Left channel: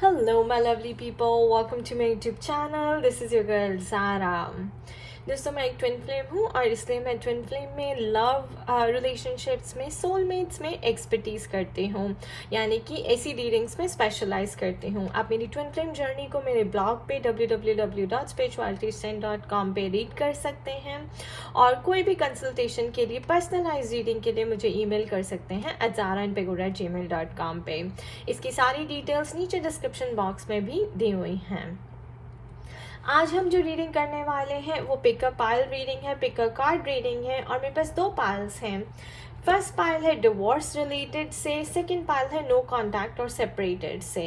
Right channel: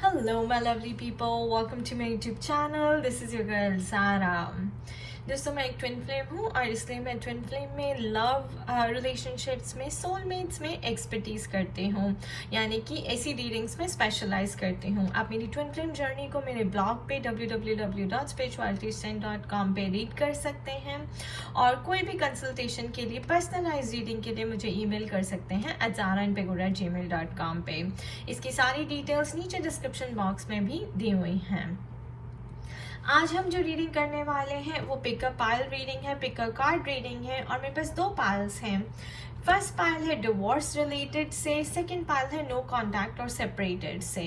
Hello, my lovely people. Welcome to my YouTube channel. This is your girl Zara. दोस्तों मैं एक twin flame हूँ और इसलिए मैं ट्विन फ्लेम में लव रिलेशनशिप्स में सोलमेट्स में एक्सपर्टीज करती हूँ, यानी कि ऐसी रीडिंग्स में स्पेशलाइज करती हूँ। आप मेरी ट्विन फ्लेम जर्नी को मेरे ब्लॉग पे www.spiritualitystand.com पे रीड कर सकते हैं और कोई भी कंसल्टेशन के लिए पर्सनलाइज रीडिंग के लिए मुझे ईमेल कर सकते हैं @zaraandpegura@gmail.com पे। इसकी सारी डिटेल्स नीचे डिस्क्रिप्शन बॉक्स में भी दी हुई हैं। आज हम जो रीडिंग करने वाले हैं वो पिकअप पाइल रीडिंग है, पिकअप कार्ड रीडिंग है और मेरे पास 2 पाइल्स हैं। फर्स्ट पाइल है डिवोर्स रिलेटेड से, सेकंड पाइल है नो कॉन्टैक्ट और सेपरेटेड से।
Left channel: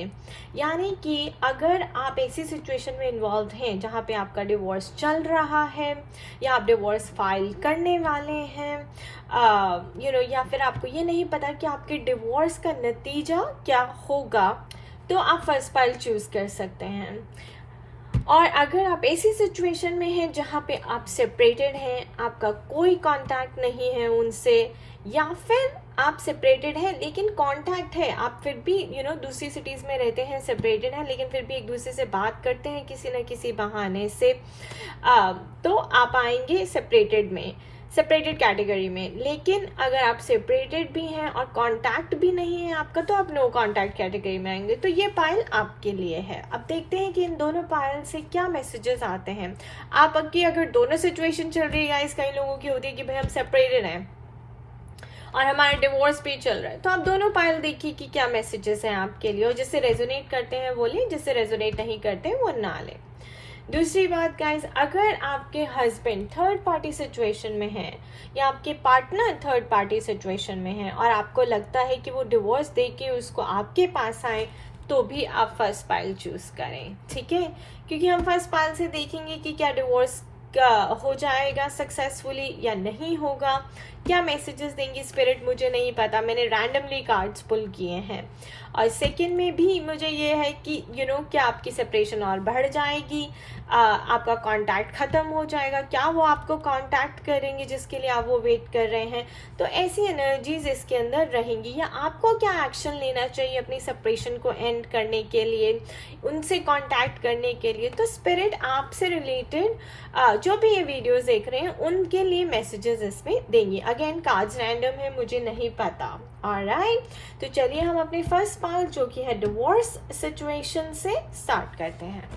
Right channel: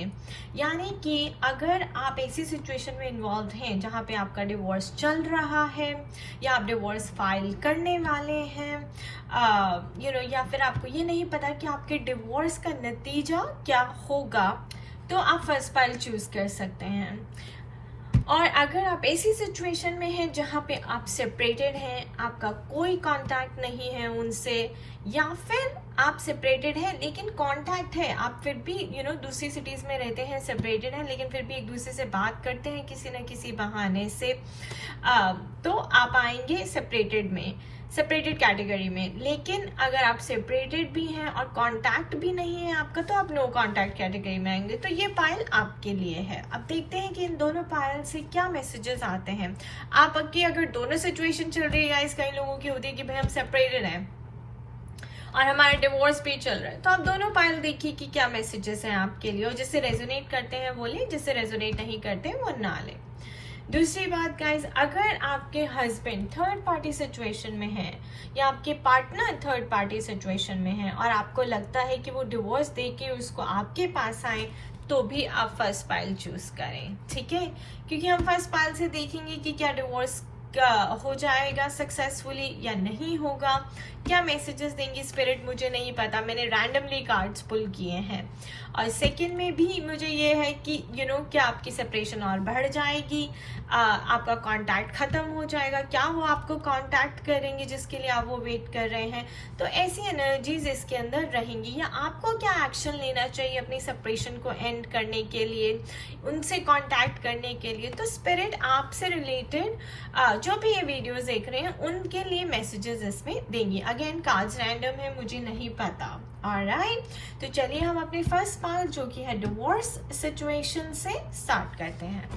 यानी कि अगर आप ऐसी सिचुएशन में इन्वॉल्व हैं जहाँ पे आपका डिवोर्स चल रहा है या आप डिवोर्स फाइल करने वाले हैं या फिर आपको ये नहीं पता कि आपके डिवोर्स का नतीजा क्या होगा, तो आप फर्स्ट पाइल चूज कर सकते हैं। और अगर आप ऐसी सिचुएशन में हैं जहाँ पे आप सेपरेटेड हैं, आपका कोई कांटेक्ट नहीं है उनसे, या फिर आप सेपरेटेड हैं लेकिन कांटेक्ट है, आप फिर भी दूसरी सिटीज में रहते हैं, सेपरेटेड हैं लेकिन फिर भी एक दूसरे से बात करते हैं किसी न किसी बहाने से, तो आप आएंगे सेपरेटेड कैटेगरी में। लेकिन अगर आप सेपरेटेड भी हैं और कांटेक्ट भी नहीं है आपका, तो आप नो कांटेक्ट कैटेगरी में आएंगे। तो ये पाइल आपके लिए है। अब देखते हैं कि इन दोनों पाइल से क्या मैसेजेस आते हैं। आपकी अगर दोनों सिचुएशन चल रही है, या कई लोगों की होती है कि भाई हम सेपरेटेड हैं और हमारा डिवोर्स भी चल रहा है, तो आप दोनों पाइल देखिए कि क्या मैसेजेस हैं आपके लिए, और जिससे रेजोनेट करते हैं वो लें, जिससे रेजोनेट नहीं करते वो ना लें। दूसरी बात गाइस, अगर आपके हस्बैंड थर्ड पार्टी सिचुएशन में है या आपके पार्टनर थर्ड पार्टी सिचुएशन में है और आपको लगता है कि वो डिवोर्स देके उसको आपके पास आए, तो भी आप फर्स्ट पाइल चूज करें, ठीक है? क्योंकि हम फर्स्ट पाइल से देखेंगे कि क्या डिवोर्स हो जाएगा सक्सेसफुली या नहीं होगा, क्या मैसेजेस देंगी स्पिरिट मुझे नहीं पता, मैंने रैंडमली कार्ड्स पुल किए हैं। और सेकंड में भी मुझे ये है कि क्या आपकी सेपरेशन और बढ़ जाएगी, आपका कांटेक्ट खत्म हो जाएगा, क्या वो आपको कांटेक्ट करेंगे जिसके लिए आप वो वेट कर रहे हैं, तो ऐसी एनर्जीज इसके अंदर रहेंगी। या आपको क्या एक्शन लेना चाहिए अपनी सेपरेशन को एंड करने के लिए, उनसे कांटेक्ट करने के लिए। तो स्पिरिट आपसे रिलेटेड जो भी ये वीडियोस देख रहे हैं उनके लिए मैसेजेस इसमें देंगी। अगेन कार्ड्स रैंडम है, मुझे नहीं पता। ऑलराइट, तो चलिए हम अपने फर्स्ट पार्ट जो कि है डिवोर्स सिचुएशन से स्टार्ट करते हैं।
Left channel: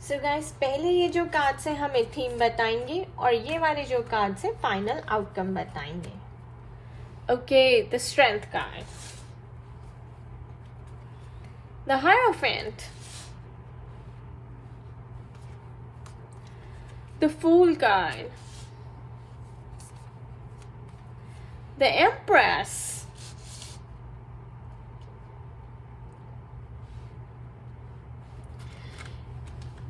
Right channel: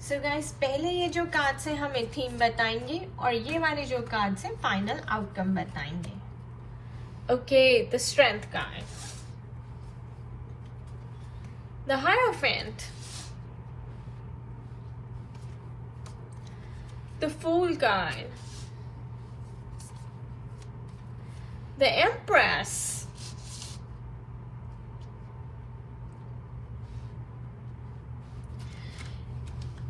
सो गाइस, पहले ये जो कार्ड से हम एक थीम बताएंगे और ये वाले जो कार्ड से फाइनल आउटकम बताएंगे। Okay, the strength card, the hierophant, the Fool card, the Empress,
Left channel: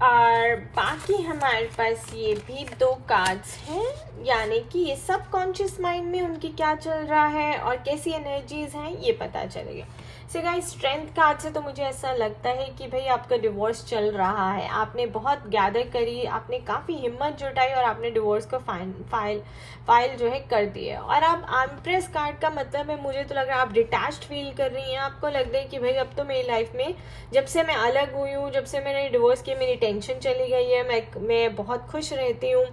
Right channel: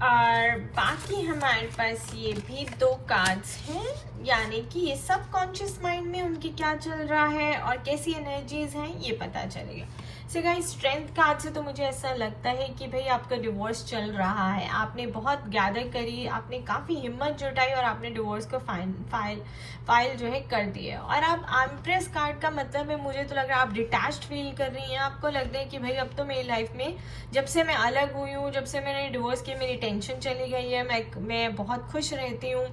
और बाकी हमारे पास ये भी 2 कार्ड्स हैं, यानी कि ये सब कॉन्शियस माइंड में उनकी क्या चल रहा है और कैसी एनर्जीज हैं ये पता चलेगा। सो गाइस, स्ट्रेंथ कार्ड से तो मुझे ऐसा लगता है कि भाई आपका डिवोर्स चल रहा है, आपने बहुत गैदर करी, आपने काफ़ी हिम्मत जुटाई और आपने डिवोर्स को फाइल जो है कर दी है। और अब एम्प्रेस कार्ड का मतलब है, मुझे तो लग रहा है आप डिटैच्ड फील कर रही हैं, आपको लग रहा है कि भाई अब तो मेरी लाइफ में जब से मैं अलग हुई हूँ, जब से मैंने डिवोर्स किया, मेरी टेंशन चली गई है, मैं बहुत खुश रहती हूँ,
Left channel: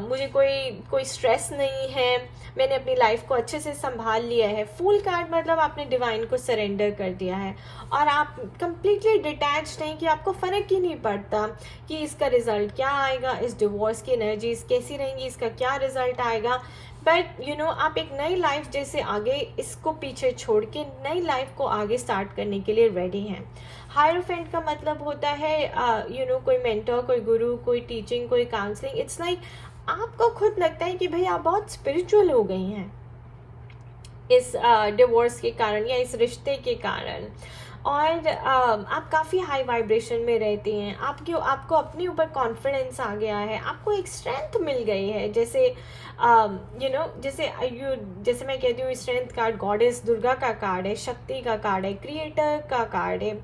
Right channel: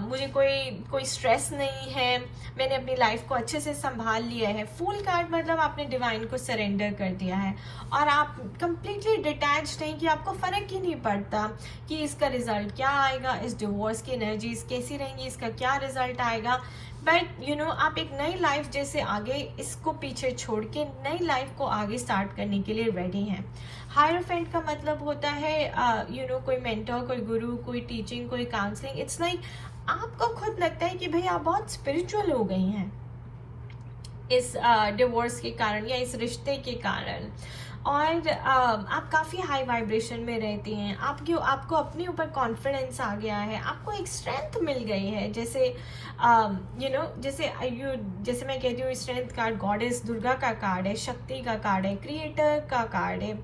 मुझे कोई स्ट्रेस नहीं है, मैंने अपनी लाइफ को अच्छे से संभाल लिया है। फूल कार्ड मतलब आपने डिवाइन को सरेंडर कर दिया है और आप कंप्लीटली डिटैच्ड हैं कि आपको फर्क ही नहीं पड़ता कि इसका रिजल्ट क्या आएगा, इस डिवोर्स की एनर्जीज कैसी रहेंगी, इसका क्या रिजल्ट आएगा। बट आप एक नई लाइफ जैसे आगे इसको पीछे छोड़ के नई लाइफ को आगे स्टार्ट करने के लिए रेडी हैं। हायरोफेंट का मतलब होता है कोई मेंटर, कोई गुरु, कोई टीचिंग, कोई काउंसलिंग। इट्स लाइक आपको खुद लगता है कि भाई आप बहुत स्पिरिचुअल हो गई हैं इस डिवोर्स के कारण या इस रिश्ते के कारण। और आप काफ़ी हाई वाइब्रेशन में रहती हैं, आपको अपने ऊपर कॉन्फिडेंस आ गया है, आपको एक स्ट्रेंथ मिल गई है। जैसे जैसे मैं कहती हूँ, स्ट्रेंथ कार्ड गॉडेस दुर्गा का कार्ड है, शक्ति का कार्ड है, क्रिएटर का कार्ड है।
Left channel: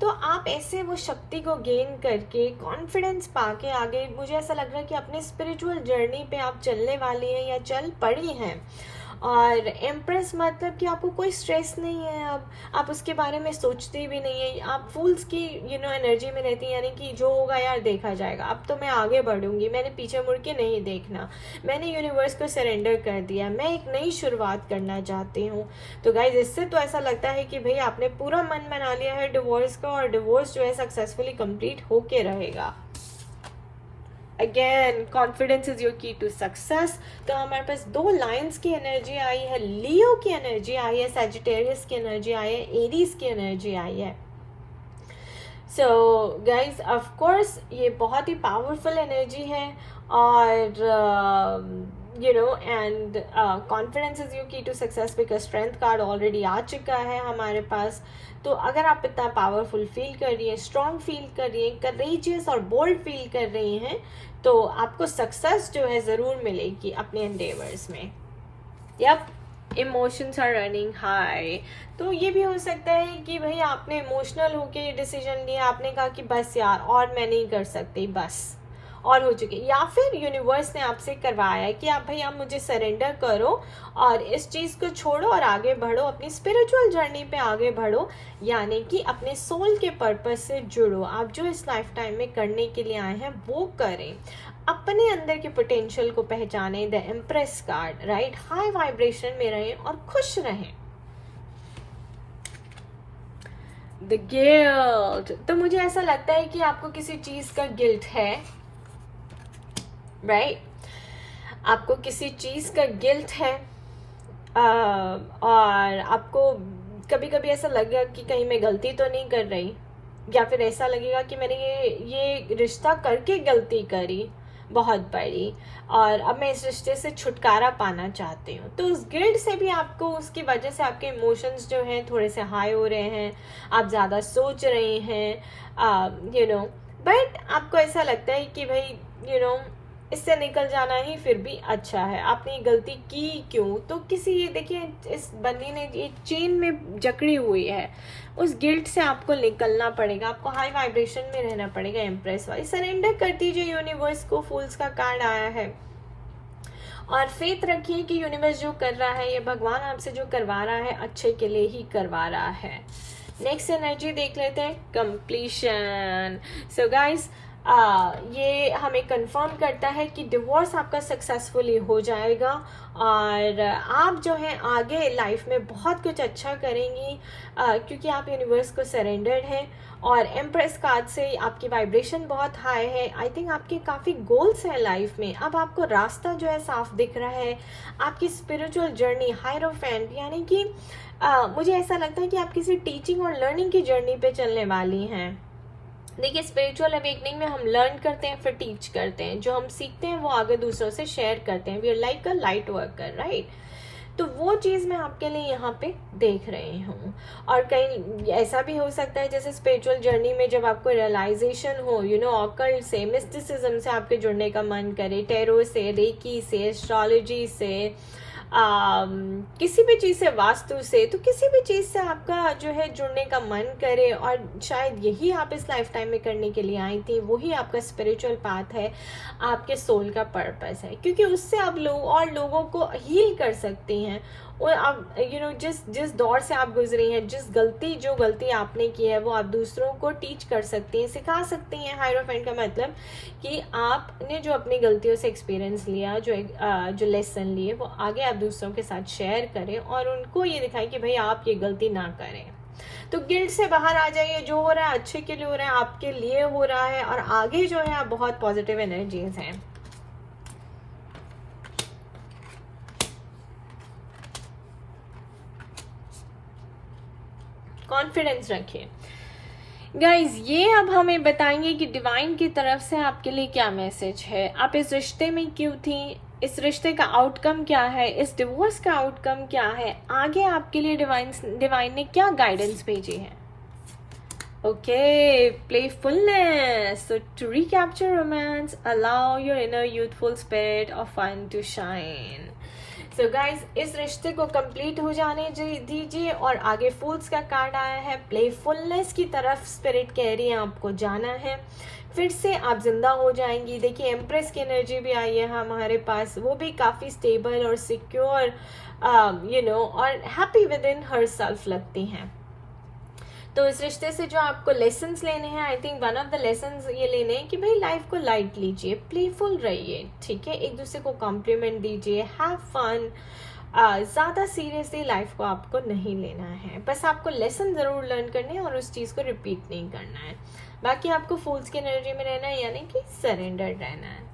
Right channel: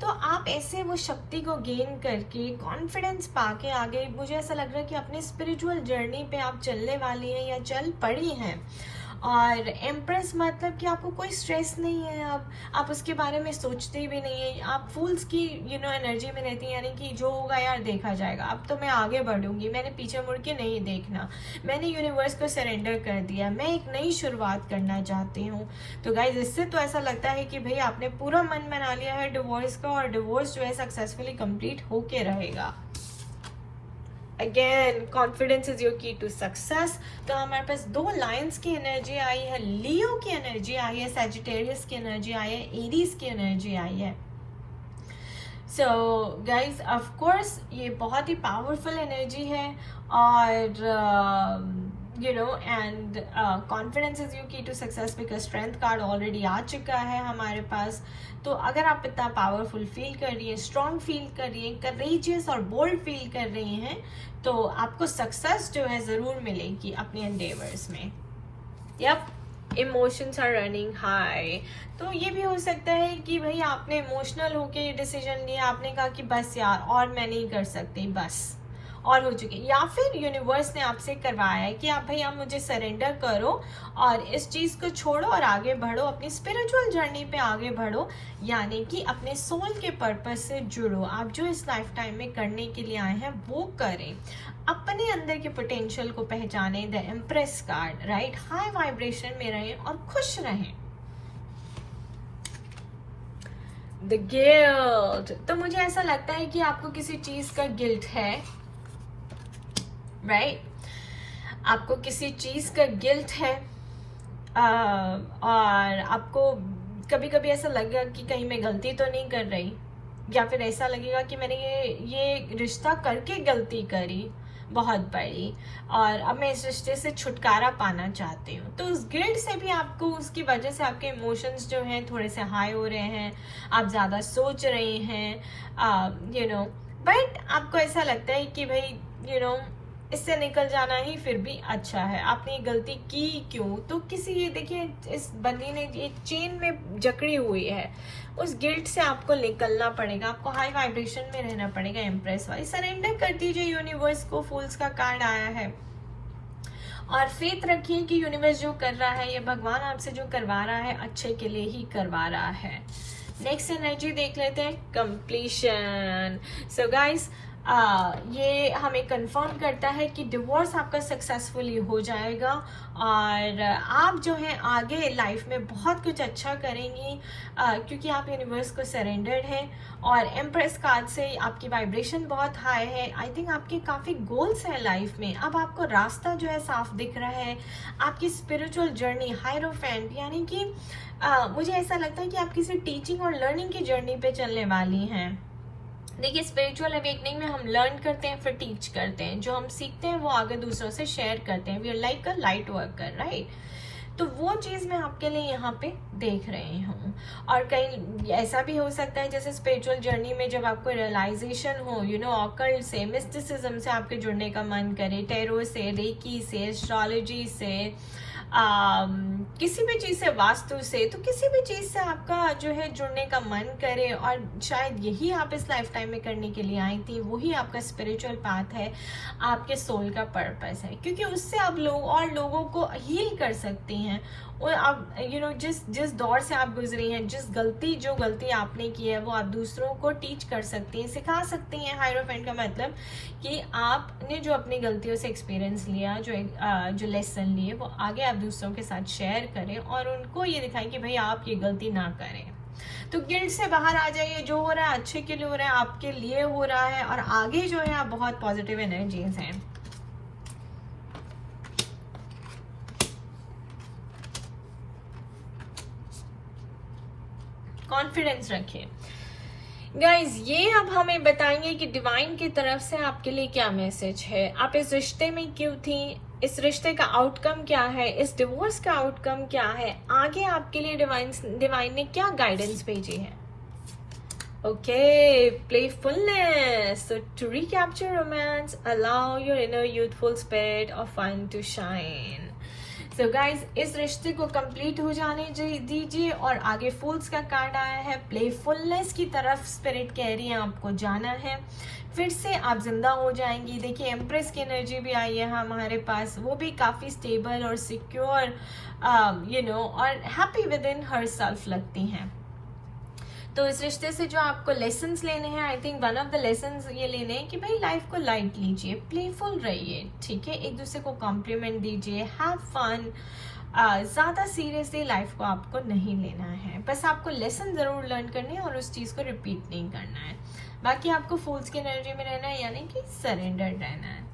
तो आप ऐसे वो शक्ति को गेन करके कॉन्फिडेंस पाके आगे, मुझे ऐसा लग रहा है कि अपने स्पिरिचुअल जर्नी पे आप चलने वाली हैं या चल पड़ी हैं। और एम्प्रेस मतलब कि आपको कोई स्ट्रेस नहीं है, अब आप उसके बारे में सोचते भी नहीं है, आप फूल्स की एनर्जी में रहती है, यानी कि जो होगा यार देखा जाएगा, अब तो मैं आगे बढ़ूंगी, मैंने पीछे मुड़ के नहीं देखना, मैंने यूनिवर्स को सरेंडर कर दिया, मैं एक नई शुरुआत करना चाहती हूँ। तो गाइज, इससे तो ऐसा लगता है कि भाई आपने पूरा मन बना लिया है डिवोर्स का, और डिवोर्स जो है सक्सेसफुली कंप्लीट होके रहेगा। Again, confidence is your key to success. तो हमारे पास 2 लाइन्स की एनर्जी आई है, लियो की एनर्जी आई है, सैजिटेरियस की एनर्जी आई है, एरीज की एनर्जी आई है। सो गाइज, ऑफ कोर्स ये बहुत ही पावरफुल एनर्जी है, और and confidence is your key to success, because strength card already आ चुका है हमारे पास। तो अगर आप इतना पावरफुल फील कर रही हैं, स्ट्रॉन्ग फील कर रही हैं, करेजियस और बोल्ड फील कर रही हैं, तो आपको सक्सेस जो है ज़रूर मिलेगी अपने एंडेवर्स में। Yup, emotions are running high. तो ये भी हो सकता है कि भाई आपने इमोशनल होके डिसीजन लिया, आपने कहा कि बस यार और मैं नहीं कर सकती, बस और हो चुकी, या फिर यूनिवर्स ने आपसे करवाया है कि आप भाई आप मुझे सरेंडर करो और इस चीज़ को छोड़ो और आगे बढ़ो, अपनी स्पिरिचुअल जर्नी पे आगे बढ़ो, यानी कि अपने सोल के पर्पस से जुड़ो। आप जो इस लाइफ टाइम में करने के लिए आए हैं वो करें, अपने अंदर के पोटेंशियल को पहचाने। The empress card, right, high vibration में रहें और खुश रहें। द गिल्ट, तो मुझे ऐसा लगता है कि आपको किसी चीज का गिल्ट है, राइट, आपको किसी चीज का गिल्ट है, और आपको कभी कभी ऐसा लगेगा कि कहीं मैं गलती तो नहीं कर रही, या फिर ऐसा लगेगा कि मैंने ये रिश्ता करके गलती करी बहुत बड़ी, और अब मैं इस रिश्ते से छुटकारा पाना चाहती हूँ। तो उस गिल्ट से भी आपको, उसकी वजह से आपके इमोशंस जो हैं थोड़े से हाई हो रहे हैं, आप ज़्यादा सोच रहे हैं, बट आपको ऐसा लगता है कि भाई इससे निकल जाना ही फिर भी अच्छा है। आपने ये गलती की क्यों? तो किसी, ये देखिए, इस बंदी ने एक चेन में जकड़ी हुई है, उस गिल्ट से आपको निकलना पड़ेगा, आपको हाई वाइब्रेशन में रहना पड़ेगा। एम्प्रेस वाली, सरेंडर कर दीजिए यूनिवर्स को, फूल्स का कार्ड आया है, और फेथ रखिए कि यूनिवर्स जो कर रहा है, ये भगवान आपसे जो करवा रहा है अच्छे के लिए ही करवा रहा है। नेक्स्ट एनर्जी देख लेते हैं, कंप्लीशन। सो गाइस, ये हमें कंफर्म करता है कि डिवोर्स आपका सक्सेसफुली हो जाएगा, और आप जो है आगे लाइफ में बहुत कुछ अच्छा करेंगी, क्योंकि आप यूनिवर्स को सरेंडर्ड हैं, और एम्प्रेस कार्ड से आपकी वाइब्रेशन बहुत हाई है। आई थिंक आपके काफ़ी गोल्स हैं लाइफ में, अब आपको रास्ता जो है साफ दिख रहा है, आपकी स्पिरिचुअल जर्नी, हायरोफेंट, यानी कि मुझे ऐसा लगता है कि आप किसी टीचिंग और लर्निंग की जर्नी पे चलने वाली हैं। देखिए, स्पिरिचुअल अवेकनिंग में हम लर्न करते हैं, फिर टीच करते हैं, जो हम सीखते हैं वो आगे दूसरों से शेयर करते हैं। We are like a light worker, right. तो वो चीज़ मैं आपके लिए यहाँ पे देख रही हूँ। और कहीं ऐसा भी हो सकता है, जैसे स्पिरिचुअल जर्नी में जब आपको रियलाइजेशन हो, ऑकल्ट से, मिस्टिसिज्म से आपके जुड़ने का मन करे, टैरो से, रेकी से, एस्ट्रोलॉजी से, किसी भी चीज़ से, वास्तु से, तो किसी भी चीज़ से आपका जो है जुड़ने का मन करे, और शायद यही आप इस लाइफ टाइम में करने के लिए आई थी, वही आपका स्पिरिचुअल पाथ है, आपके सोल का पर्पस है, क्योंकि उससे आप लोगों को हील कर सकती हैं। और आप जिस दौर से आप गुजरी हैं, जो गलती आपने की है, वो आप दूसरों को टीच कर सकती हैं, सिखा सकती हैं। हायरोफेंट का मतलब कि आपने जो अपनी गलतियों से एक्सपीरियंस लिया, जो लेसन लिए, वो आगे आप दूसरों के साथ शेयर करें, और उनको ये दिखाएं कि भाई आप ये गलती ना करें। तो गिल्ट से बाहर आ जाइए, जो हो रहा है अच्छे के लिए हो रहा है, आपके लिए हो रहा है, और आगे जो है आप बहुत पॉजिटिव एनर्जीज हैं। कॉन्फिडेंस रखिए गाइज। ये अब हमें बताएंगे कि डिवाइन की तरफ से आपके लिए क्या मैसेज है, आप इस रिश्ते में क्यों थी, इस रिश्ते का आउटकम क्या है, इस डिवोर्स का आउटकम क्या है, आगे आपके लिए डिवाइन ने क्या गाइडेंस भेजी है। Okay, playfulness. So to recapture romance, allow your inner youthful spirit of fun to shine. So guys, इस रिश्ते को कंप्लीट हो जाने दीजिए और आगे फूल्स का कार्ड आया है, प्लेफुलनेस की तरफ स्पिरिट कह रही है आपको जाना है, फिर से आप जिंदा हो जाएंगी। देखिए एम्प्रेस की एनर्जी भी आई है हमारे पास, वो भी काफ़ी स्टेबल और सिक्योर और happy with in her self लगती हैं। तो इस रिश्ते से जो आपको लेसन्स लेने हैं, I think one of the lessons ये लेने हैं कि भाई लाइफ को लाइट लीजिए, प्लेफुल रहिए, ठीक है, एक दूसरे को कॉम्प्लीमेंट दीजिए, हैव फन। ज़्यादा सीरियसली लाइफ को आपको नहीं लेना है, बस आपको लेसन ज़रूर लर्न करने हैं और उस चीज़ को रिपीट नहीं करना है। बाकी आपको फूल्स की एनर्जी में रहना है, यानी कि सरेंडर्ड रहना है।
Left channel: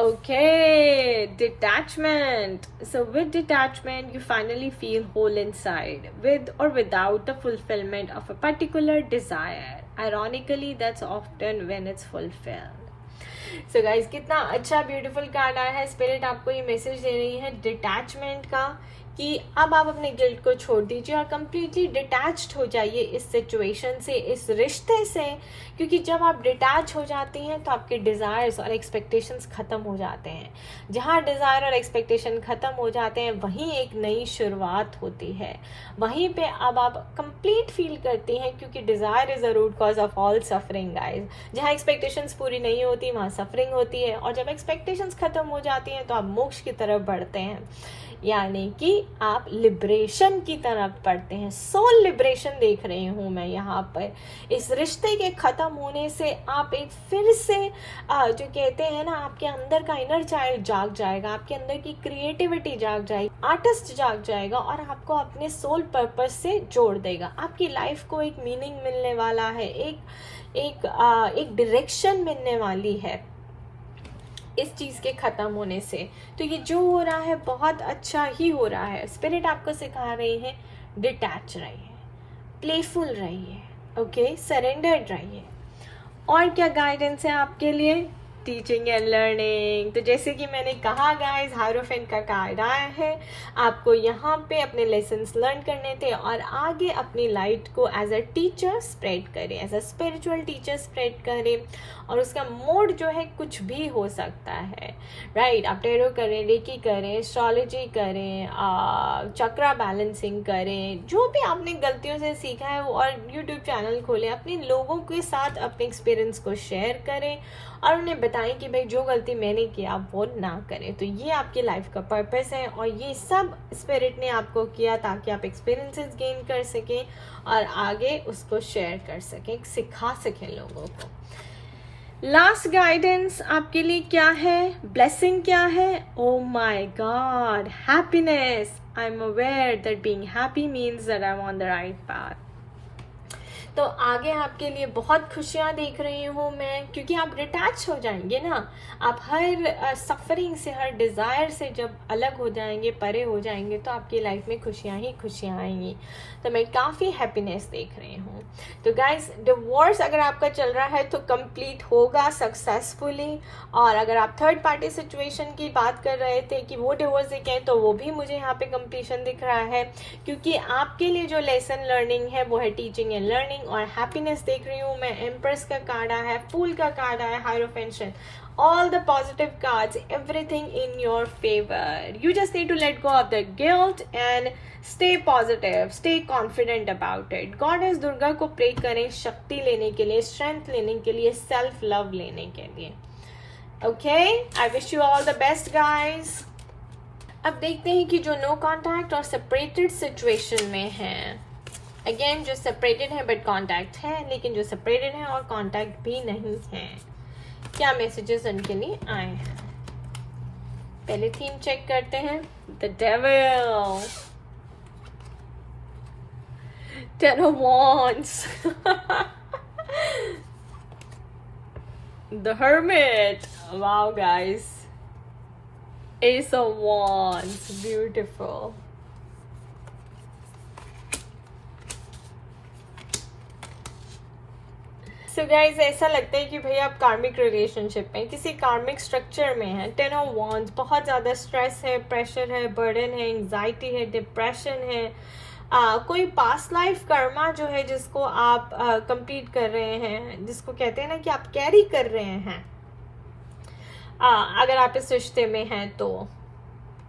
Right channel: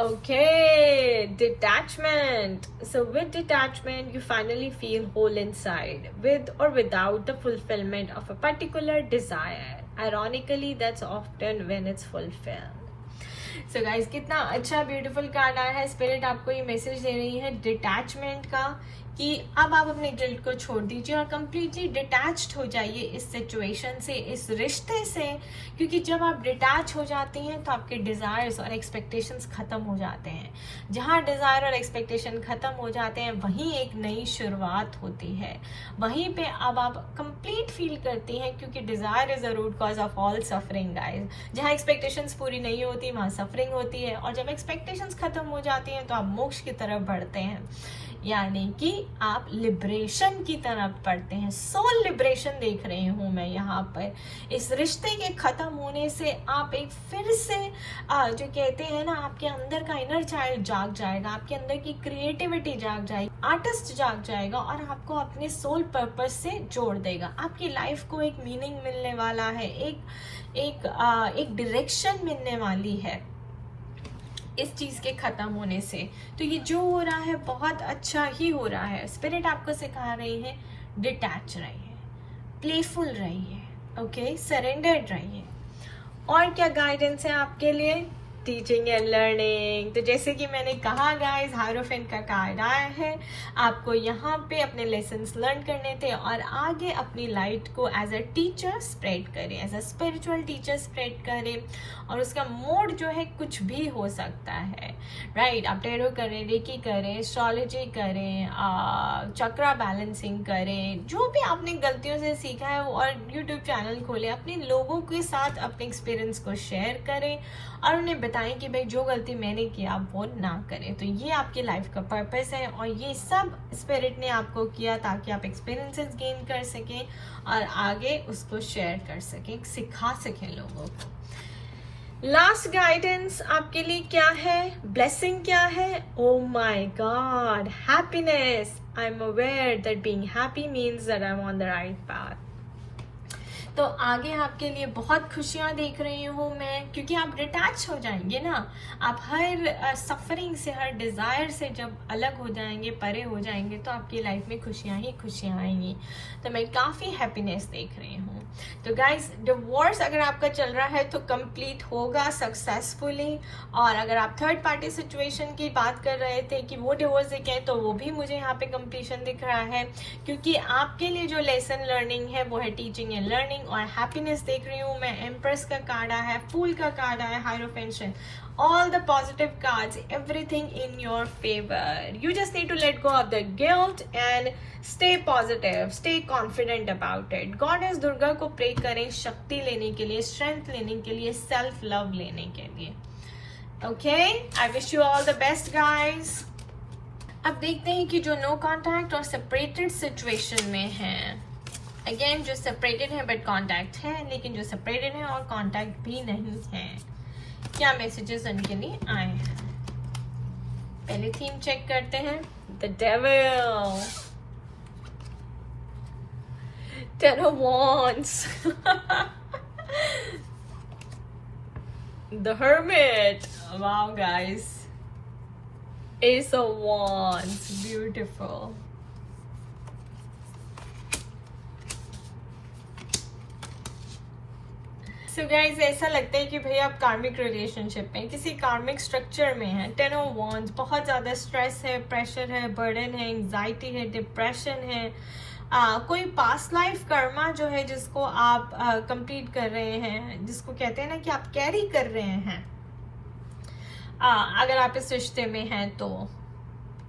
Okay, detachment. So with detachment, you finally feel whole inside, with or without the fulfillment of a particular desire. Ironically, that's often when it's fulfilled. So guys, कितना अच्छा ब्यूटीफुल कार्ड आया है। स्पिरिट आपको ये message दे रही है detachment का, कि अब आप अपने गिल्ट को छोड़ दीजिए और कंप्लीटली डिटैच्ड हो जाइए इस सिचुएशन से, इस रिश्ते से, क्योंकि जब आप डिटैच हो जाती हैं तो आपके डिज़ायर्स और एक्सपेक्टेशंस ख़त्म हो जाते हैं। जहाँ डिज़ायर और एक्सपेक्टेशन ख़त्म हो जाते हैं वहीं एक नई शुरुआत होती है, वहीं पे अब आप कंप्लीट फील करती हैं, क्योंकि desire is a root cause of all suffering guys. जहाँ एक्सपेक्टेशंस पूरी नहीं होती वहाँ सफरिंग होती है, और जब एक्सपेक्टेशंस ख़त्म हो जाती हैं तो आप मोक्ष की तरफ बढ़ते हैं, यानी कि आप लिबरेशन की तरफ बढ़ते हैं। सोल लिबरेशन देख रही हूँ मैं यहाँ पर। इस रिश्ते के खत्म होने से आप एक फिर से जो कहते हैं ना, आपके अंदर का इनर चाइल्ड जाग जाएगा, आपके अंदर की क्रिएटिविटी जाग जाएगी, आर्टिस्ट जाग जाएगा और आपको अपने सोल पर्पस से जोड़ देगा। आपकी लाइफ को एक मीनिंग मिलने वाला है, एक डायरेक्शन मिलने वाली है इस चीज के खत्म होने से। तो ये जो हो रहा है बहुत अच्छा ही हो रहा है। स्पिरिट आपको सिखा रही है डिटैच रहिए, प्लेफुल रहिए, ओके, सरेंडर्ड रहिए। और क्या गाइडेंस है आपके लिए? Teaching and learning. तो जैसे कि मैंने कहा गाइस, हायरोफेंट का कार्ड आया है, आपको यहाँ पे अपने लेसन्स लर्न करने थे और आगे अपनी लाइट को एज अ टीचर स्प्रेड करें, as a spiritual teacher spread करें। और उसका मोड जो है कुछ भी हो सकता है, राइट। आप टेरो करें, रेकी करें, एस्ट्रोलॉजी करें, चक्रा बैलेंसिंग करें, जो भी आपने गलतियों से सीखा है, और यूट्यूब चैनल खोलें, अपने लोगों के साथ अपने एक्सपीरियंस को शेयर करें और उन्हें बताएं कि भाई जो गलती मैंने की आप वो ना करें। तो ये आपकी लाइफ का पर्पस है और ये सब स्पिरिट ने आपको किया ताकि आप एक्सपीरियंसेस गेन कर सकें और आगे उसको शेयर कर सकें, सिखा सकें लोगों को। लास्ट गाइडेंस आपके लिए क्या है? ब्लेसिंग क्या है? Oh my God, happiness. I am aware that being happy means that I am on the right path. तो आगे आपके लिए बहुत खुशियां देख रही हूँ मैं, क्योंकि आप डिटैच हो जाएंगे ना, आप हर सफरिंग से, हर डिज़ायर से जब अलग हो जाएंगे, परे हो जाएंगे, तो आपकी लाइफ में खुशियां ही खुशियां आएंगी। तो मैं काफ़ी हैप्पीनेस देख रही हूँ। तो गाइस, डिवोर्स अगर आपका चल रहा है तो कंप्लीट होगा सक्सेसफुली, और अगर आप थर्ड पार्टी सिचुएशन की बात कर रहे थे कि वो डिवोर्स दिखे हैं, तो वो भी मुझे यहाँ पे कंप्लीशन दिख रहा है, क्योंकि आपके लिए जो लेसन लर्निंग है वो है टीचिंग एंड लर्निंग। और हैप्पीनेस देख रही हूँ मैं, एम्प्रेस का कार्ड आया है, फूल का कार्ड आया है, hierophant, all the positive cards, everything in your favor. You just need to let go of the guilt and stay positive, stay confident about it. Goddess Durga को प्रे करें शक्ति लेने के लिए, स्ट्रेंथ लेने के लिए, सेल्फ लव लेने के लिए। Okay, I wish you all the best guys. अब देखते हैं कि जो नो कॉन्टैक्ट और सेपरेटेड सिचुएशन में है, अगेन जो सेपरेटेड है बट कॉन्टैक्ट है, लेकिन जो सेपरेटेड है और कॉन्टैक्ट भी नहीं है, क्या मैसेजेस उनके लिए आए हैं। पहले थीम चेक करते हैं। The devil, ten of wands, the hermit, wow guys, S of wands, beautiful. So guys, ऐसा लगता है कि भाई आप कार्मिक रिलेशनशिप में, किसी कार्मिक स्ट्रक्चर में हैं। टेन ऑफ वांड्स, बहुत ज़्यादा स्ट्रेस है, प्रेशर है, बर्डन है, एंग्जाइटी है, डिप्रेशन है, कोई पास्ट लाइफ कर्मा जो है जिसको आप कंप्लीट कर रहे हैं, जिसको कहते हैं ना कि आप कैरी कर रहे हैं अगर आप इस रिश्ते में हैं तो।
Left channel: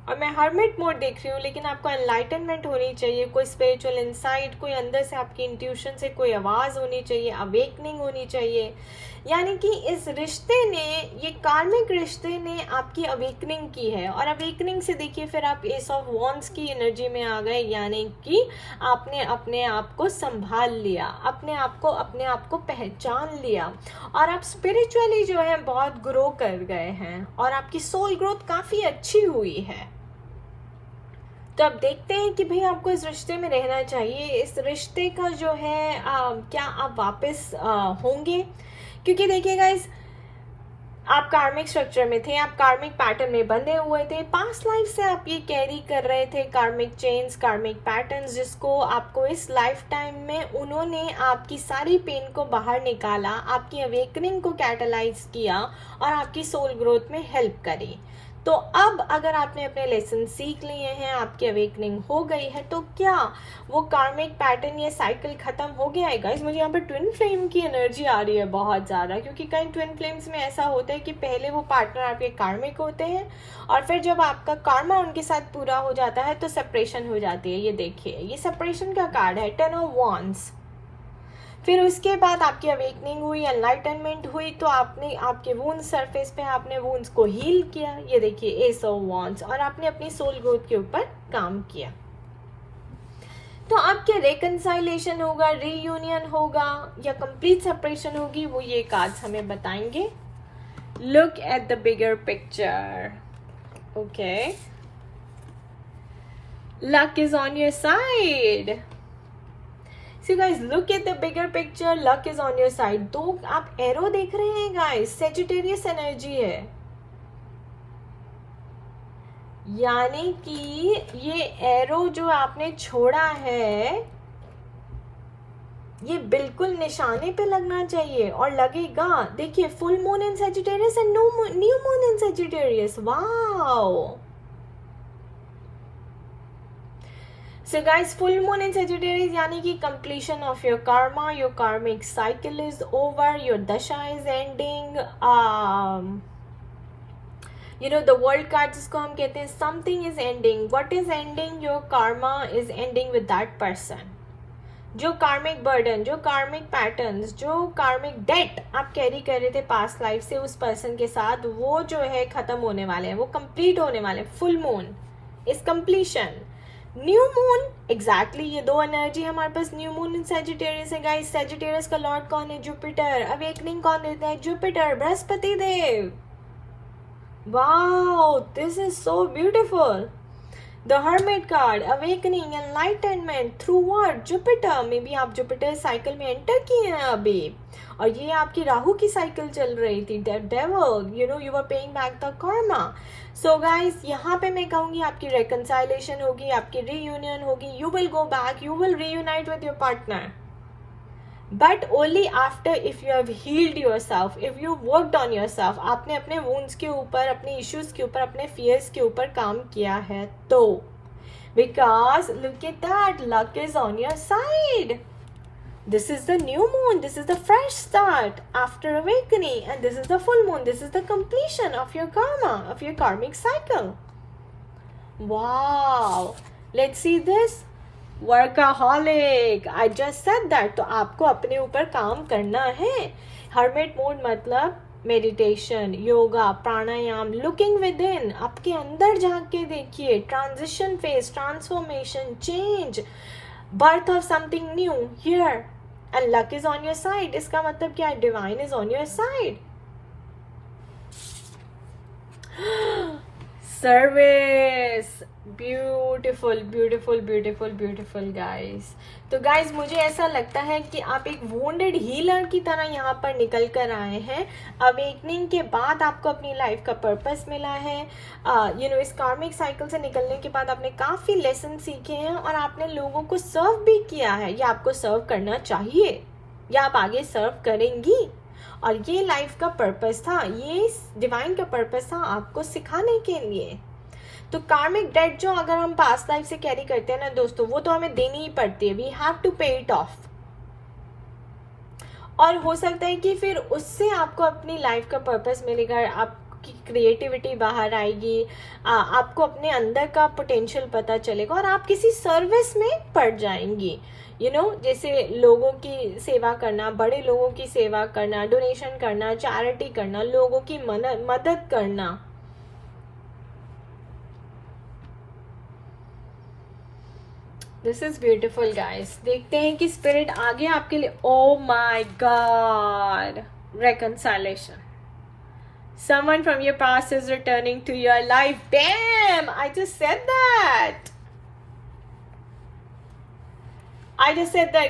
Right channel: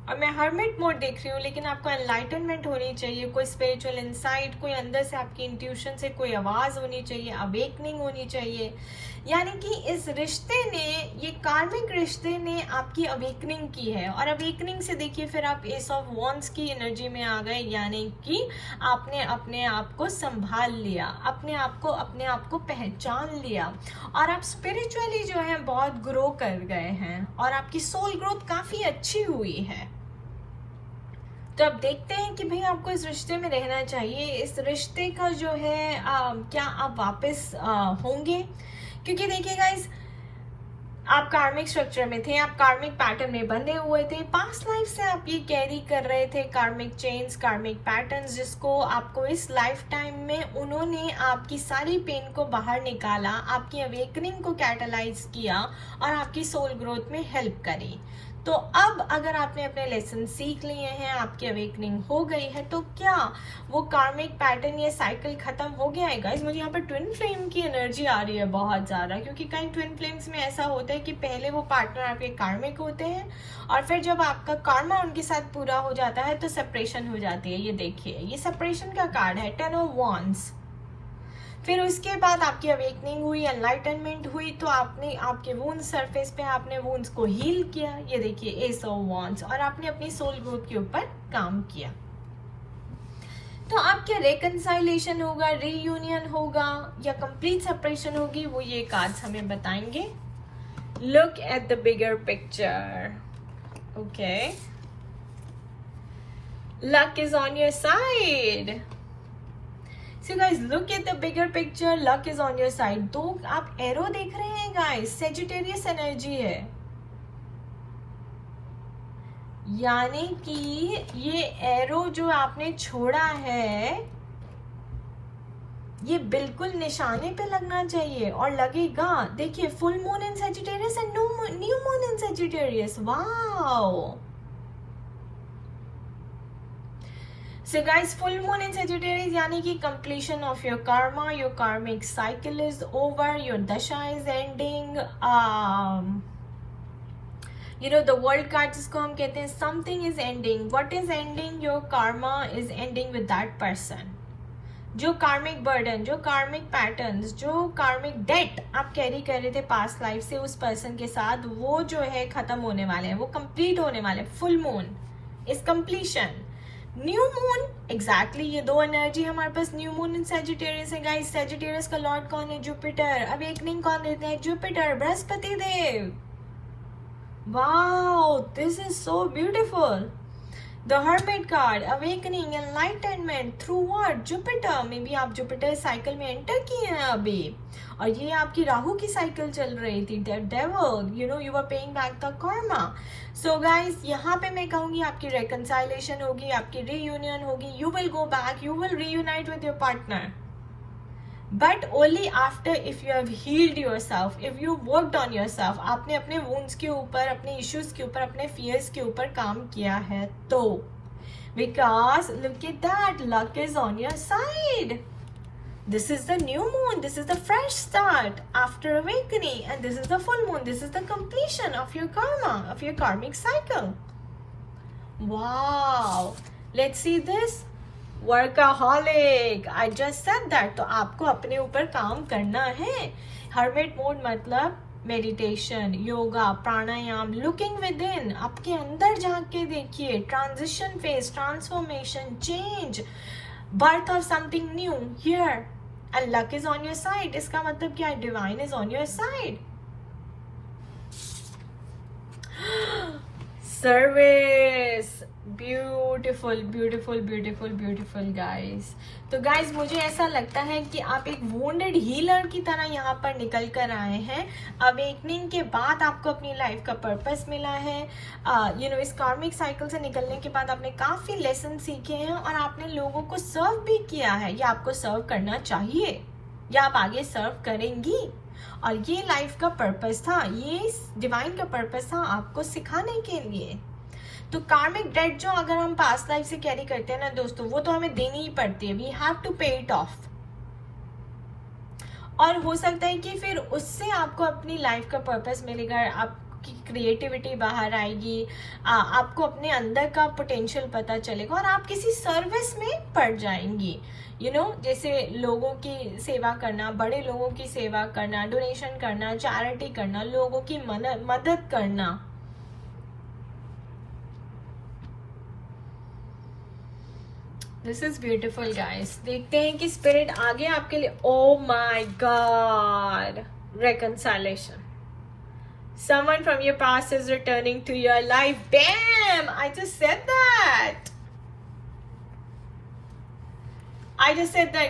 और मैं हर्मिट मोड देख रही हूँ, लेकिन आपको एनलाइटनमेंट होनी चाहिए, कोई स्पिरिचुअल इंसाइट, कोई अंदर से आपकी इंट्यूशन से कोई आवाज होनी चाहिए, अवेकनिंग होनी चाहिए। यानी कि इस रिश्ते ने, ये कार्मिक रिश्ते ने आपकी अवेकनिंग की है। और अवेकनिंग से देखिए फिर आप एस ऑफ वॉन्ड्स की एनर्जी में आ गए, यानी कि आपने अपने आप को संभाल लिया, अपने आप को पहचान लिया, और आप स्पिरिचुअली जो है बहुत ग्रो कर गए हैं, और आपकी सोल ग्रोथ काफी अच्छी हुई है। तो अब देखते हैं कि भाई आपको इस रिश्ते में रहना चाहिए, इस रिश्ते का जो है क्या आप वापस होंगे। क्योंकि देखिए गाइस, आप कार्मिक स्ट्रक्चर में थे, आप कार्मिक पैटर्न में बंधे हुए थे, पास्ट लाइफ से आप ये कैरी कर रहे थे कार्मिक चेन्स, कार्मिक पैटर्न्स, जिसको आपको इस लाइफ टाइम में उन्होंने आपकी सारी पेन को बाहर निकाला, आपकी अवेकनिंग को कैटलाइज किया और आपकी सोल ग्रोथ में हेल्प करी। तो अब अगर आपने अपने लेसन सीख लिए हैं, आपकी अवेकनिंग हो गई है, तो क्या वो कार्मिक पैटर्न, ये साइकिल खत्म हो गया है गाइस? मुझे यहाँ पे ट्विन फ्लेम की एनर्जी आ रही है बहुत ज्यादा, क्योंकि कई ट्विन फ्लेम्स में ऐसा होता है कि पहले वो पार्टनर आपके कार्मिक होते हैं, और फिर जब आपका कार्मा उनके साथ पूरा हो जाता है तो सेपरेशन हो जाती है। ये देखिए, ये सेपरेशन का कार्ड है, 10 ऑफ वॉन्ड्स। फिर उसके बाद आपकी अवेकनिंग हुई, एनलाइटनमेंट हुई, तो आपने आपके वूंड्स सरफेस पे आपने वूंड्स को हील किया, ये देखिए एस ऑफ वॉन्ड्स, और आपने अपनी सोल ग्रोथ के ऊपर काम किया। तो अब क्या रेकंसाइलेशन होगा, रीयूनियन होगा, या कंप्लीट सेपरेशन होगी, वो ये कार्ड्स हमें बताएंगे। Look at the bigger picture. Okay, luck is on your side. So guys, look at the bigger picture. Luck is on your side. दो आप एरो देख रहे हैं guys, सेजिटेरियस एनर्जी है, यानी कि ये एरो जो आपने छोड़ा है ये बिल्कुल निशाने पे लगना चाहिए, और लगेगा। देखिए, full moon in Sagittarius and new moon in Sagittarius. Wow! So guys, full moon in Sagittarius यानी कि completion of your karma, your karmic cycle is over, your dasha is ending. You know the world card जिसको हम कहते हैं something is ending. What is ending? Your karma is ending with that person. जो कार्मिक burden, जो कार्मिक patterns, जो कार्मिक डेट आप कैरी कर रहे थे पास्ट लाइफ से उस पर्सन के साथ, वो जो है खत्म होने वाले हैं, वो कंप्लीट होने वाले हैं। Full moon is completion, new moon exactly ये दो एनर्जी हमारे पास। न्यू मून इन सेजिटेरियस है गाइस। सेजिटेरियस का लॉर्ड कौन है? जुपिटर। अवेकनिंग कौन देता है? Jupiter, Brihaspati Dev. Wow, this is so beautiful. The hermit card, awakening, enlightenment through what? Jupiter. Maybe आप जुपिटर साइकिल में एंटर किए हैं अभी, और ये आपकी राहु की साइकिल चल रही थी, devil, you know, you are paying back the karma. So guys, यहाँ पे मैं कहूंगी आपकी रेकंसाइलेशन होगी, आपकी रीयूनियन होगी, you will go back, you will reunite with your partner, but only after if you have healed yourself, if you worked on yourself. आपने अपने वुंड्स के ऊपर, अपने इश्यूज के ऊपर, अपने फियर्स के ऊपर काम किया है तो। Because look at that, luck is on your side. This is the new moon. This is the fresh start after awakening, and this is the full moon. This is the completion of your karma, of your karmic cycle. Wow! Let's see this. Workaholic. I just said that. तो आपको अपने ऊपर काम करना है। Hermit mode मतलब meditation, yoga, pranayama, looking with in, आपके अंदर झांक के देखिए। Transition phase, transformation, change, birth of something new here, and luck is on your side. इसका मतलब क्या है? Divine is on your side. Service, beautiful beautiful beautiful beautiful guys. तो गाइस, मुझे ऐसा लगता है कि आप एक वुंडेड हीलर की तरह यहाँ पर निकल कर आए हैं। अवेकनिंग के बाद आपको अपनी लाइफ का पर्पस मिला है। यू नो, इस कार्मिक साइकिल से निकलने के बाद आपने काफी लेसन सीखे हैं, और आपने लोगों को सर्व भी किया है, या आपको सर्व करना चाहिए, या आप आगे सर्व करेंगी। और ये लाइफ का पर्पस था, ये डिवाइन का पर्पस था आपको सिखाने के लिए। तो कार्मिक डेट जो अगर हम पास्ट लाइफ से कैरी करते हैं ना दोस्तों, वो तो हमें देनी ही पड़ती है, वी हैव टू पे इट ऑफ। और हो सकता है कि फिर उससे आपको अपनी लाइफ का पर्पस मिलेगा, आपकी क्रिएटिविटी बाहर आएगी, आपको अपने अंदर का पोटेंशियल पता चलेगा और आप किसी सर्विस में पड़ जाएंगी। जैसे लोगों की सेवा करना, बड़े लोगों की सेवा करना, डोनेशन करना, चैरिटी करना, लोगों की मदद करना। This is beautiful guys. देखते हैं कि स्पिरिट आगे आपके लिए, oh my God, reconciliation. Someone from your past is returning to your life. Damn, I just said that.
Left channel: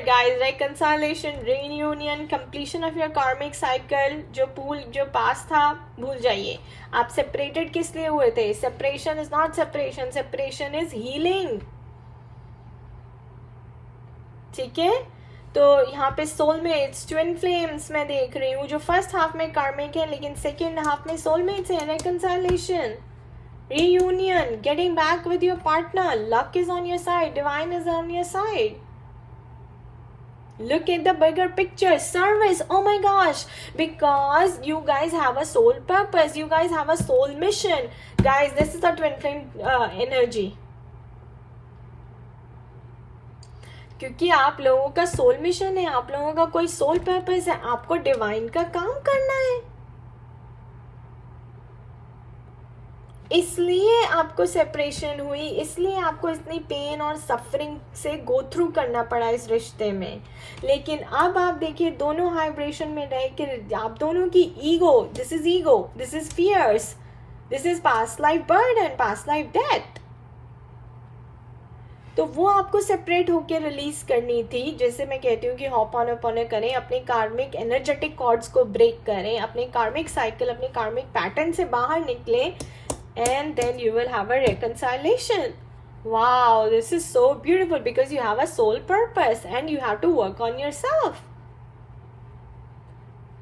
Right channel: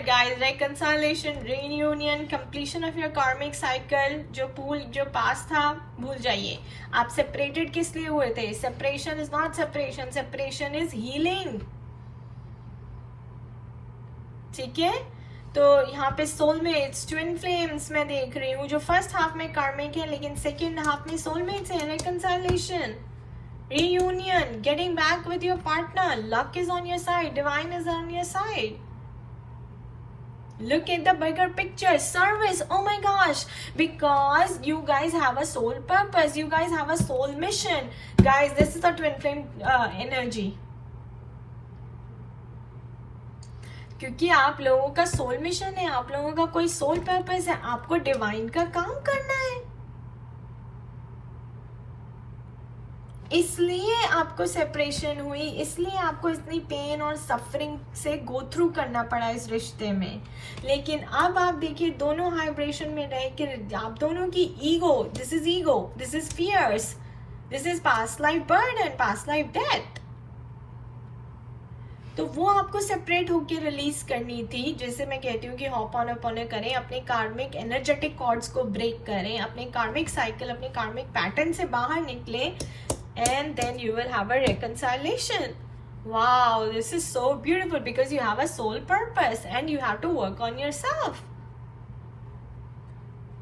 Guys. Reconciliation, reunion, completion of your karmic cycle. जो पास था भूल जाइए। आप सेपरेटेड किस लिए हुए थे? Separation is not separation, separation is healing. ठीक है, तो यहाँ पे सोलमेट्स, ट्विन फ्लेम्स मैं देख रही हूँ, जो फर्स्ट हाफ में कार्मिक है लेकिन सेकेंड हाफ में सोलमेट्स है। reconciliation, reunion, getting back with your partner, luck is on your side, divine is on your side. Look at the bigger picture, service, oh my gosh, because you guys have a soul purpose, you guys have a soul mission. Guys, this is a twin flame energy. क्योंकि आप लोगों का soul mission है, आप लोगों का कोई soul purpose है, आपको डिवाइन का काम करना है, इसलिए आपको सेपरेशन हुई, इसलिए आपको इतनी पेन और सफरिंग से गो थ्रू करना पड़ा इस रिश्ते में। लेकिन अब आप देखिए दोनों वाइब्रेशन में रह के आप दोनों की ego, this is fears, this is past life burden, past life death, तो वो आपको सेपरेट होके रिलीज करनी थी। जैसे मैं कहती हूँ कि हॉपॉन करें, अपने कार्मिक एनर्जेटिक कॉर्ड्स को ब्रेक करें, अपने कार्मिक साइकिल, अपने कार्मिक पैटर्न से बाहर निकले, and then you will have a reconciliation. Wow, this is so beautiful because you have a soul purpose and you have to work on yourself.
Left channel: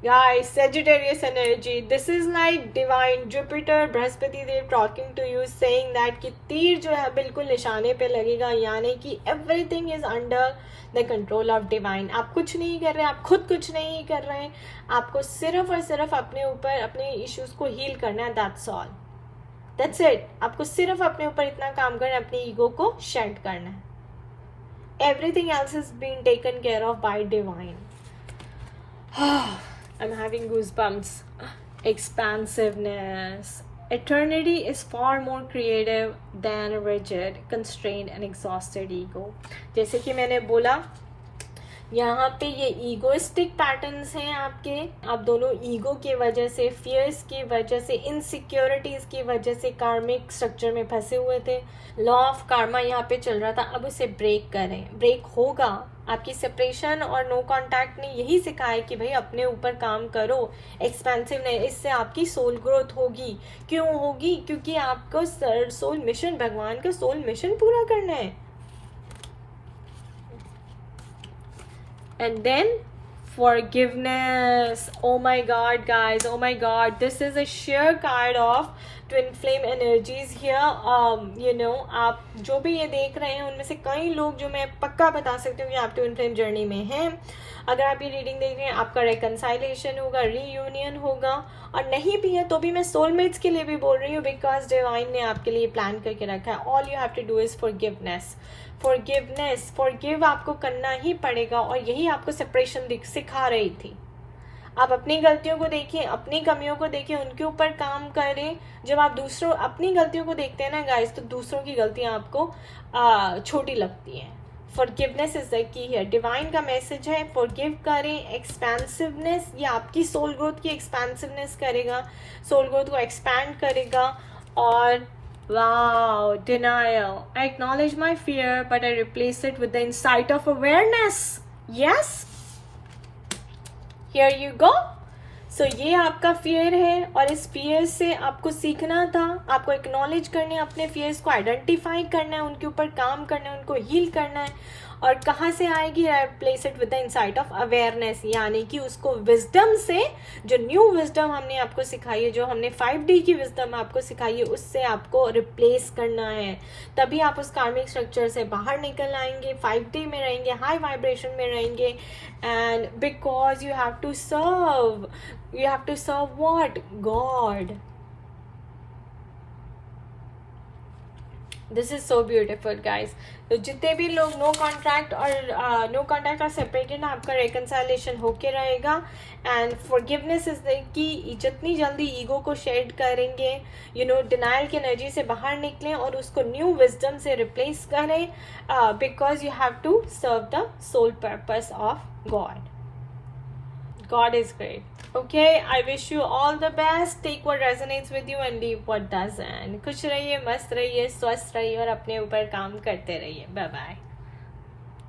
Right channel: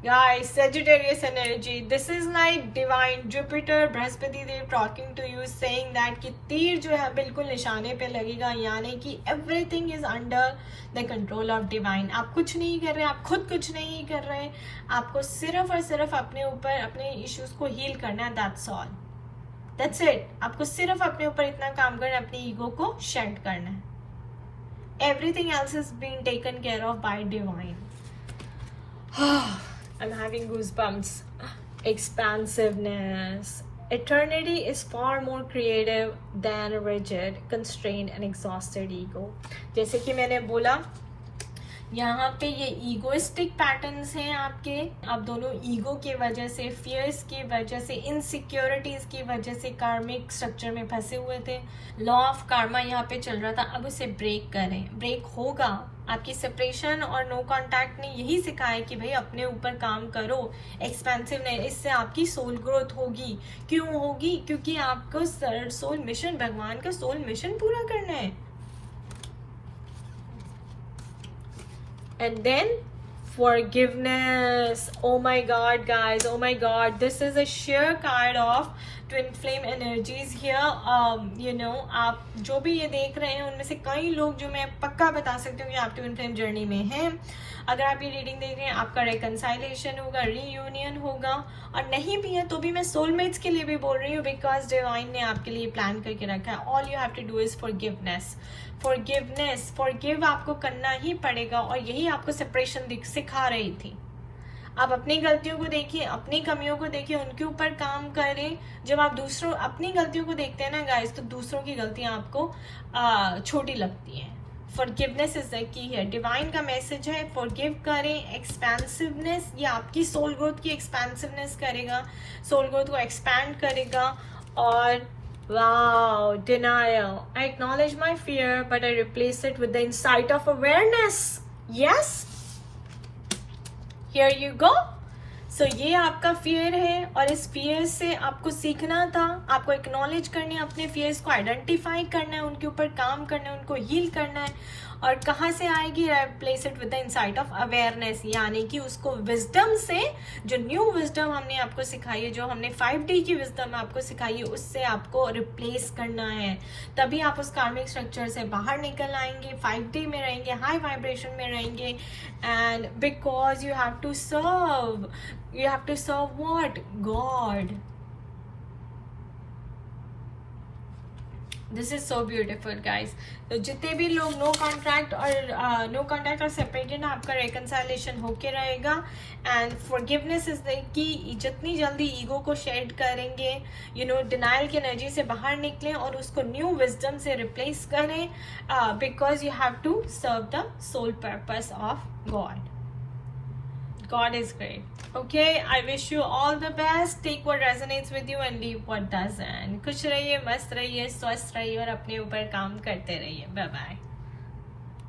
Guys, Sagittarius energy, this is like divine Jupiter, Brihaspati Dev talking to you, saying that कि तीर जो है बिल्कुल निशाने पे लगेगा, यानी कि everything is under the control of divine. आप कुछ नहीं कर रहे, आप खुद कुछ नहीं कर रहे, आपको सिर्फ और सिर्फ अपने ऊपर अपने इश्यूज को हील करना है, that's all, that's it. आपको सिर्फ अपने ऊपर इतना काम करना है, अपनी ईगो को शेड करना है, everything else is being taken care of by divine. I'm having goosebumps. Expansiveness. Eternity is far more creative than a rigid, constrained and exhausted ego. जैसे कि मैंने बोला, यहाँ पे ये ईगोइस्टिक पैटर्न्स हैं आपके, आप दोनों ईगो की वजह से, फियर्स की वजह से, इनसिक्योरिटीज की वजह से कार्मिक स्ट्रक्चर में फंसे हुए थे। लॉ ऑफ कार्मा यहाँ पे चल रहा था, अब उसे ब्रेक करें, ब्रेक होगा। आपकी सेपरेशन और नो कांटेक्ट ने यही सिखाया कि भाई अपने ऊपर काम करो, एक्सपेंसिव नहीं, इससे आपकी सोल ग्रोथ होगी। क्यों होगी? क्योंकि आपको सोल मिशन, भगवान का सोल मिशन पूरा करना है। And then forgiveness. Oh my god, guys, oh my god, this is a sheer card of twin flame energies here. आप जो भी ये देख रहे हैं उनमें से कई लोग जो मैं पक्का बता सकती हूँ कि आप ट्विन फ्लेम जर्नी में हैं। अगर आप ये रीडिंग देख रहे हैं, आपका reconciliation होगा, reunion होगा, और नहीं भी है तो भी मैं सोलमेट्स के लिए भी बोल रही हूँ, बिकॉज डिवाइन ने आपके लिए प्लान करके रखा है। All you have to do is forgiveness, forgive आपको करना ही पड़ेगा, और यही आपको सेपरेशन सिखा रही थी। आप अपनी गलतियों को देखिए, अपनी कमियों को देखिए, उनके ऊपर काम करें। जब आप दूसरों अपनी गलतियों को देखते हैं ना गाइस, तो दूसरों की गलतियां आपको छोटी लगती हैं। फॉरगिवनेस इज द की है, डिवाइन का मैसेज है, फॉरगिव करें। एक्सपेंसिवनेस, ये आपकी सोल ग्रोथ की एक्सपेंसिवनेस करेगा, सोल ग्रोथ को एक्सपैंड करेगा। और wow, denial. I acknowledge my fear, but I replace it with the insight of awareness. Yes? Here you go. So ये आपका फियर है, और इस फियर से आपको सीखना था, आपको एक्नॉलेज करने, अपने फियर्स को आइडेंटिफाई करना है, उनके ऊपर काम करना है, उनको हील करना है, और कहाँ से आएगी? Replace it with the insight of awareness, यानी कि उसको विजडम से, जो न्यू विजडम हमने आपको सिखाई है, जो हमने 5D की विजडम आपको सिखाई है, उससे आपको रिप्लेस करना है। तभी आप उस कार्मिक स्ट्रक्चर से बाहर निकल आएंगे, 5D में रहेंगे, हाई वाइब्रेशन में रहेंगे। And because you have to serve what? God. This is so beautiful guys. तो जितने भी लोग नो कॉन्ट्रैक्ट और सेपरेटेड, आपका रिकंसाइलेशन होके रहेगा। एंड फॉरगिवनेस इज कि जितनी जल्दी ईगो को शेड करेंगे, डिनाइल की एनर्जी से बाहर निकलें और उसको न्यू विजडम से रिप्लेस करें, because you have to serve the soul purpose of God. God is great. Okay, I wish you all the best. Take what resonates with you and leave what doesn't. खुश रहिए, मस्त रहिए, स्वस्थ रहिए और अपने ऊपर काम करते रहिए। Bye bye.